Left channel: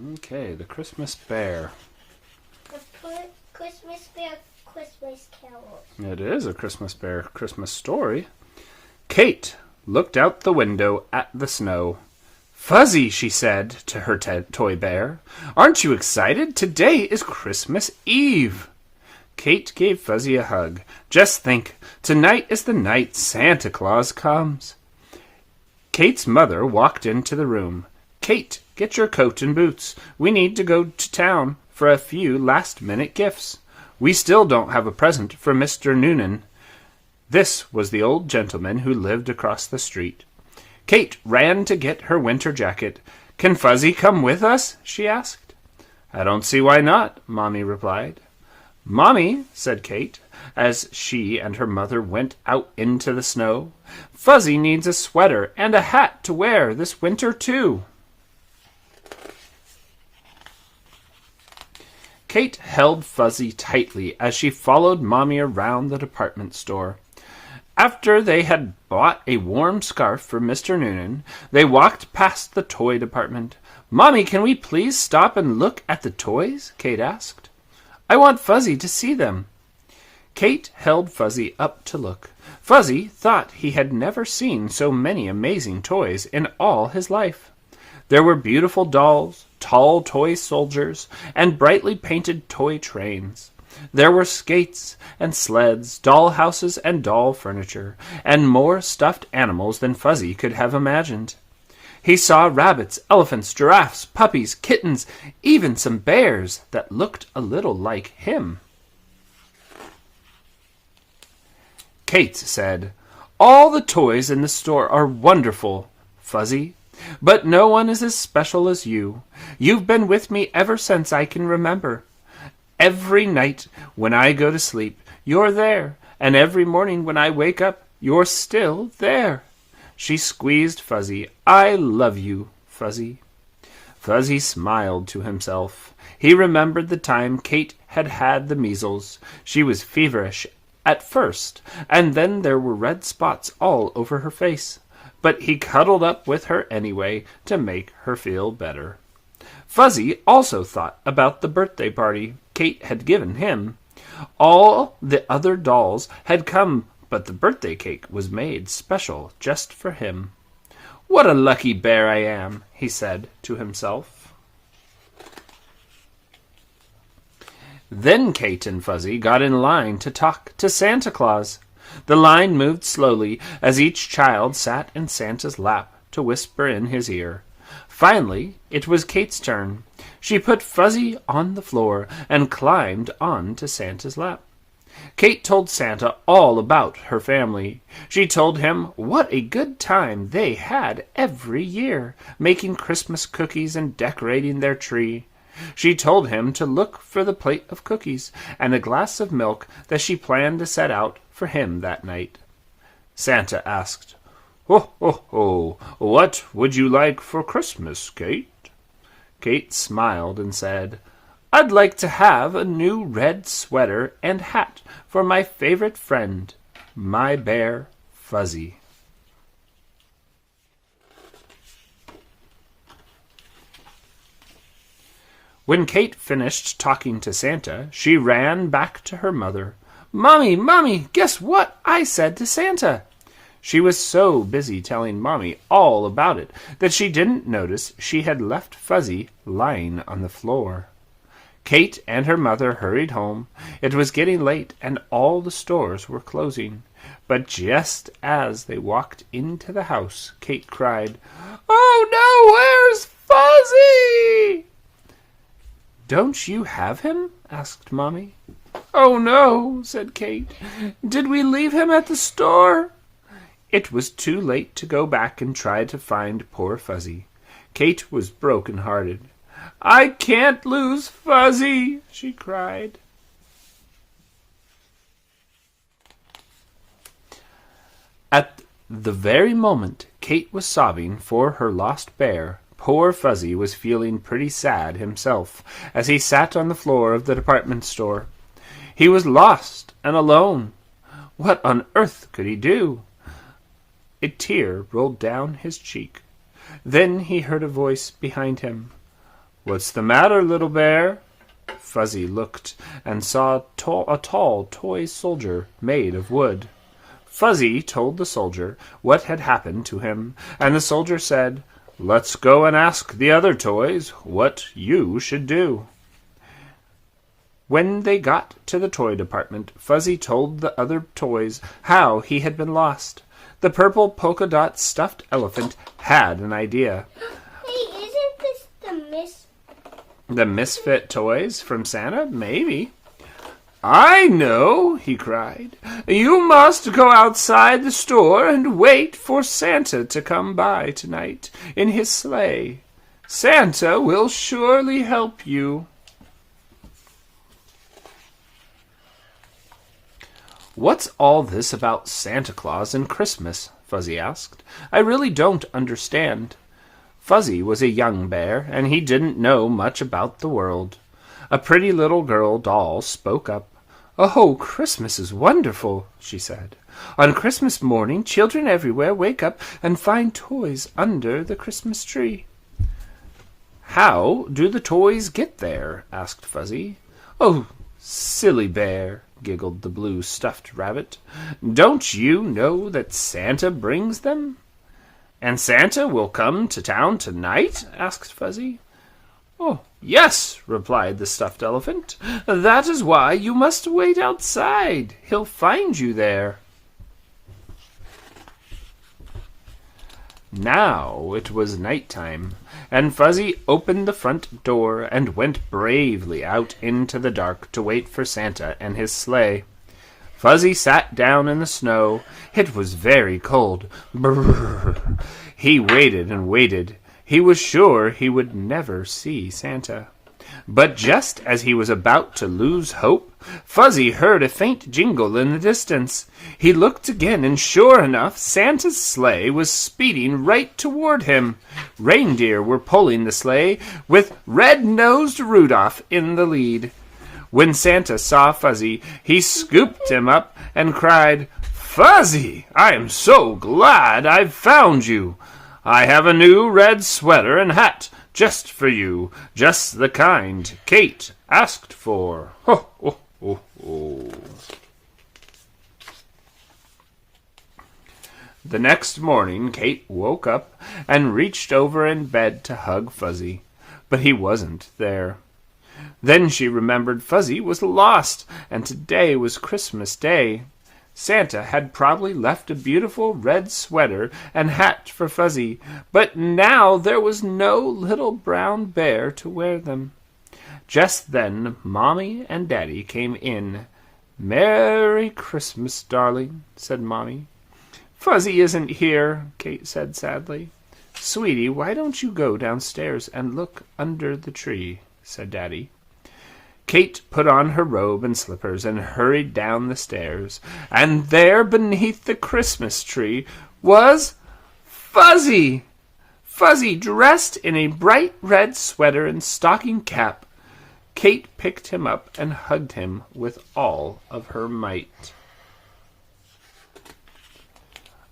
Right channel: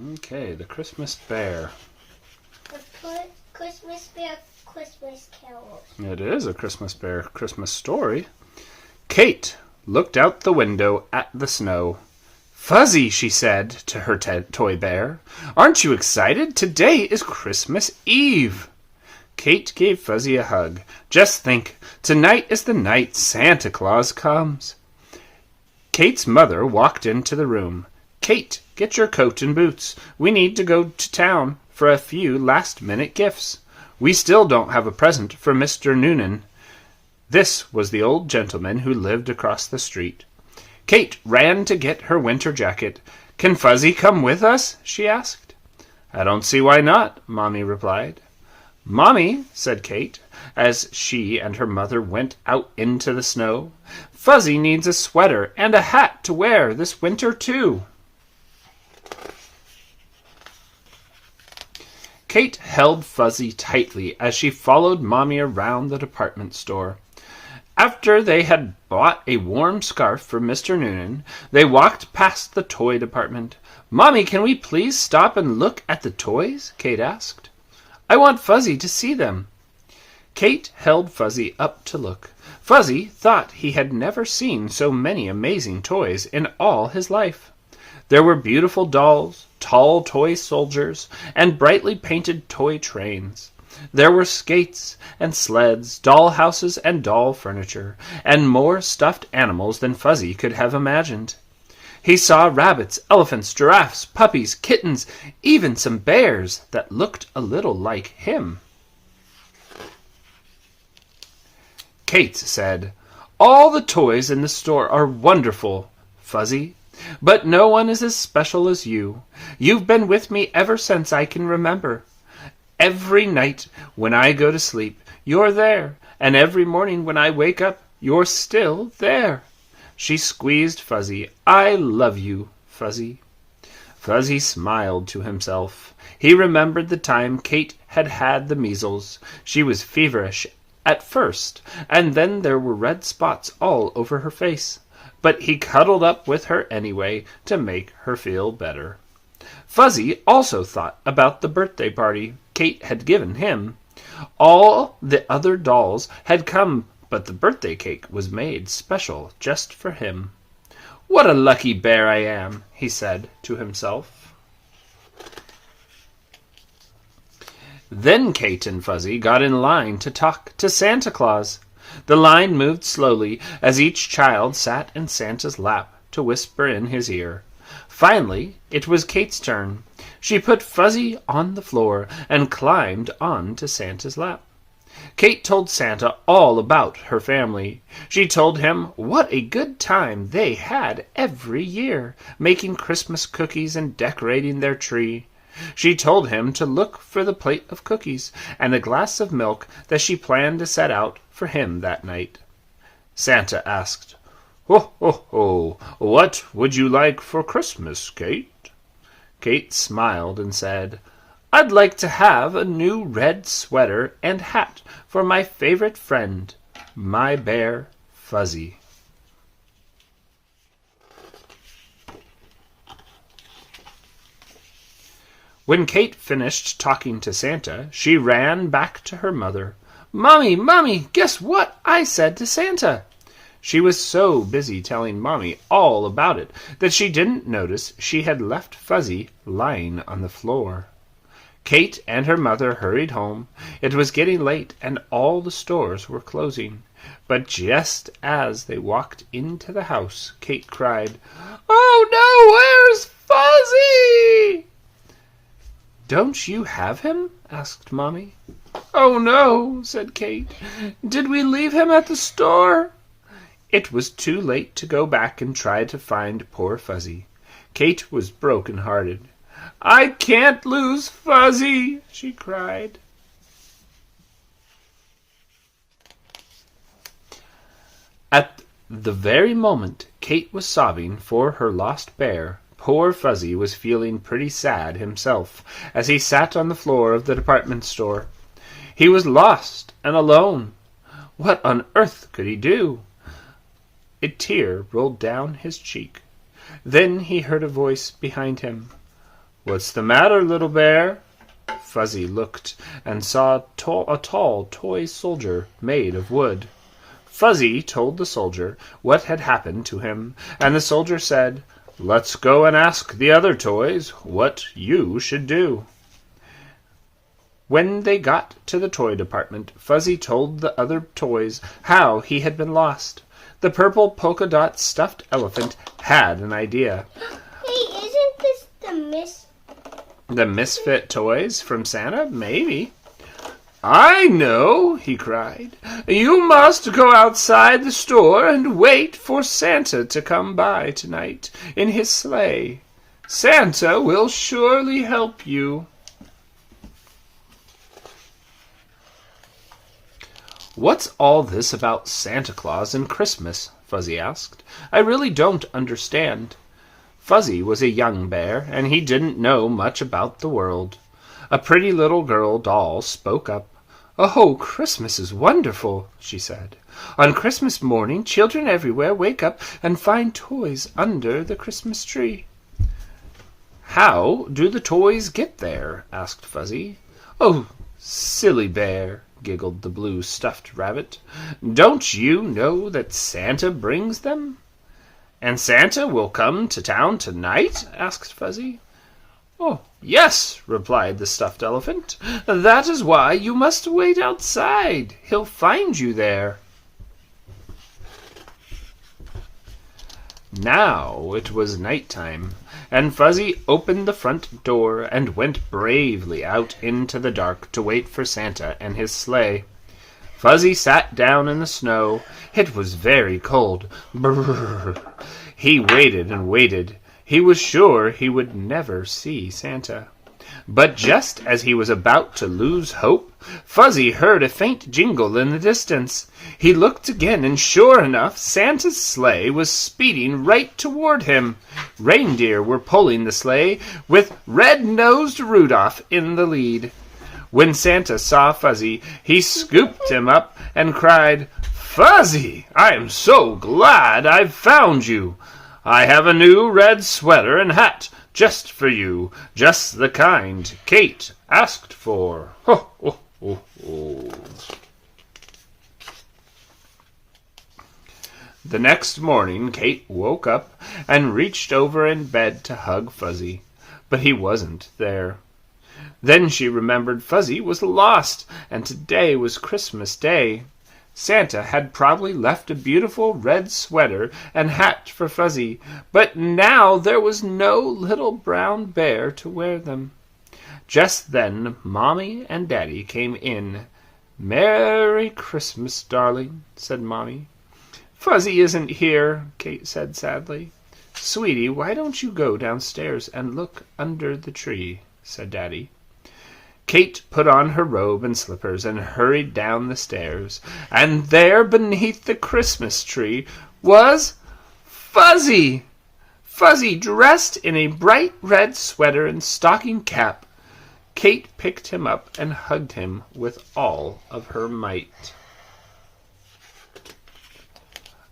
Okay, the Christmas Bear. The Christmas Bear Christmas Carols. It is a Christmas Bear Christmas story. Kate looked out the window at the snow. "Fuzzy," she said to her toy bear, "aren't you excited? Today is Christmas Eve." Kate gave Fuzzy a hug. "Just think, tonight is the night Santa Claus comes." Kate's mother walked into the room. "Kate, get your coat and boots. We need to go to town for a few last-minute gifts. We still don't have a present for Mr. Noonan." This was the old gentleman who lived across the street. Kate ran to get her winter jacket. "Can Fuzzy come with us?" she asked. "I don't see why not," Mommy replied. "Mommy," said Kate, as she and her mother went out into the snow, "Fuzzy needs a sweater and a hat to wear this winter, too." Kate held Fuzzy tightly as she followed Mommy around the department store. After they had bought a warm scarf for Mr. Noonan, they walked past the toy department. "Mommy, can we please stop and look at the toys?" Kate asked. "I want Fuzzy to see them." Kate held Fuzzy up to look. Fuzzy thought he had never seen so many amazing toys in all his life. There were beautiful dolls, tall toy soldiers, and brightly painted toy trains. There were skates and sleds, doll houses and doll furniture, and more stuffed animals than Fuzzy could have imagined. He saw rabbits, elephants, giraffes, puppies, kittens, even some bears that looked a little like him. Kate said, "All the toys in the store are wonderful, Fuzzy, but no one is as special as you. You've been with me ever since I can remember. Every night when I go to sleep, you're there, and every morning when I wake up, you're still there." She squeezed Fuzzy. "I love you, Fuzzy." Fuzzy smiled to himself. He remembered the time Kate had had the measles. She was feverish at first, and then there were red spots all over her face. But he cuddled up with her anyway to make her feel better. Fuzzy also thought about the birthday party Kate had given him. All the other dolls had come, but the birthday cake was made special just for him. "What a lucky bear I am," he said to himself. Then Kate and Fuzzy got in line to talk to Santa Claus. The line moved slowly as each child sat in Santa's lap to whisper in his ear. Finally, it was Kate's turn. She put Fuzzy on the floor and climbed on to Santa's lap. Kate told Santa all about her family. She told him what a good time they had every year, making Christmas cookies and decorating their tree. She told him to look for the plate of cookies and a glass of milk that she planned to set out for him that night. Santa asked, "Ho, ho, ho! What would you like for Christmas, Kate?" Kate smiled and said, "I'd like to have a new red sweater and hat for my favorite friend, my bear, Fuzzy." When Kate finished talking to Santa, she ran back to her mother. "Mommy, Mommy, guess what I said to Santa?" She was so busy telling Mommy all about it that she didn't notice she had left Fuzzy lying on the floor. Kate and her mother hurried home. It was getting late and all the stores were closing. But just as they walked into the house, Kate cried, "Oh no, where's Fuzzy?" "Don't you have him?" asked Mommy. "Oh no," said Kate. "Did we leave him at the store?" It was too late to go back and try to find poor Fuzzy. Kate was broken-hearted. "I can't lose Fuzzy," she cried. At the very moment Kate was sobbing for her lost bear, poor Fuzzy was feeling pretty sad himself as he sat on the floor of the department store. He was lost and alone. What on earth could he do? A tear rolled down his cheek. Then he heard a voice behind him. "What's the matter, little bear?" Fuzzy looked and saw a tall toy soldier made of wood. Fuzzy told the soldier what had happened to him, and the soldier said, "Let's go and ask the other toys what you should do." When they got to the toy department, Fuzzy told the other toys how he had been lost. The purple polka dot stuffed elephant had an idea. Hey, isn't this The misfit toys from Santa? Maybe. "I know," he cried. "You must go outside the store and wait for Santa to come by tonight in his sleigh. Santa will surely help you." "What's all this about Santa Claus and Christmas?" Fuzzy asked. "I really don't understand." Fuzzy was a young bear, and he didn't know much about the world. A pretty little girl doll spoke up. "Oh, Christmas is wonderful," she said. "On Christmas morning, children everywhere wake up and find toys under the Christmas tree." "How do the toys get there?" asked Fuzzy. "Oh, silly bear," giggled the blue stuffed rabbit. "Don't you know that Santa brings them?" "And Santa will come to town tonight?" asked Fuzzy. "Oh, yes," replied the stuffed elephant. "That is why you must wait outside. He'll find you there." Now it was night-time, and Fuzzy opened the front door and went bravely out into the dark to wait for Santa and his sleigh. Fuzzy sat down in the snow. It was very cold. Brrr. He waited and waited. He was sure he would never see Santa. But just as he was about to lose hope, Fuzzy heard a faint jingle in the distance. He looked again, and sure enough, Santa's sleigh was speeding right toward him. Reindeer were pulling the sleigh, with red-nosed Rudolph in the lead. When Santa saw Fuzzy, he scooped him up and cried, "Fuzzy, I am so glad I've found you. I have a new red sweater and hat just for you, just the kind Kate asked for. Ho, ho, ho, ho." The next morning, Kate woke up and reached over in bed to hug Fuzzy, but he wasn't there. Then she remembered Fuzzy was lost, and today was Christmas Day. Santa had probably left a beautiful red sweater and hat for Fuzzy, but now there was no little brown bear to wear them. Just then Mommy and Daddy came in. "Merry Christmas, darling," said Mommy. "Fuzzy isn't here," Kate said sadly. "Sweetie, why don't you go downstairs and look under the tree?" said Daddy. Kate put on her robe and slippers and hurried down the stairs, and there beneath the Christmas tree was Fuzzy! Fuzzy dressed in a bright red sweater and stocking cap. Kate picked him up and hugged him with all of her might.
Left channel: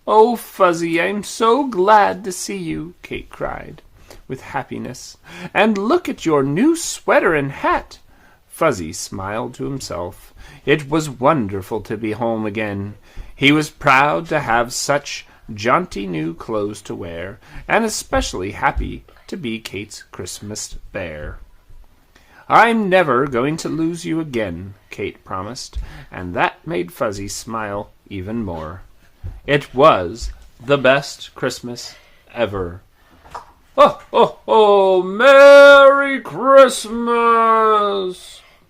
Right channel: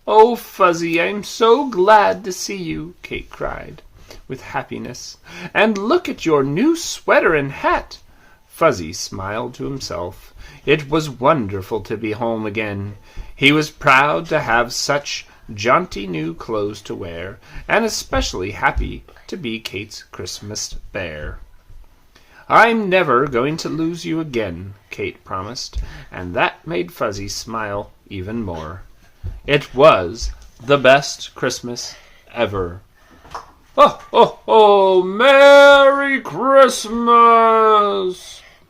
"Oh, Fuzzy, I'm so glad to see you," Kate cried with happiness. "And look at your new sweater and hat." Fuzzy smiled to himself. It was wonderful to be home again. He was proud to have such jaunty new clothes to wear, and especially happy to be Kate's Christmas bear. "I'm never going to lose you again," Kate promised, and that made Fuzzy smile even more. It was the best Christmas ever. "Oh, oh, oh, Merry Christmas!"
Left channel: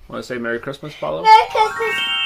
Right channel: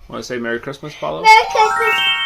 Want to say Merry Christmas, Paulo? Merry Christmas.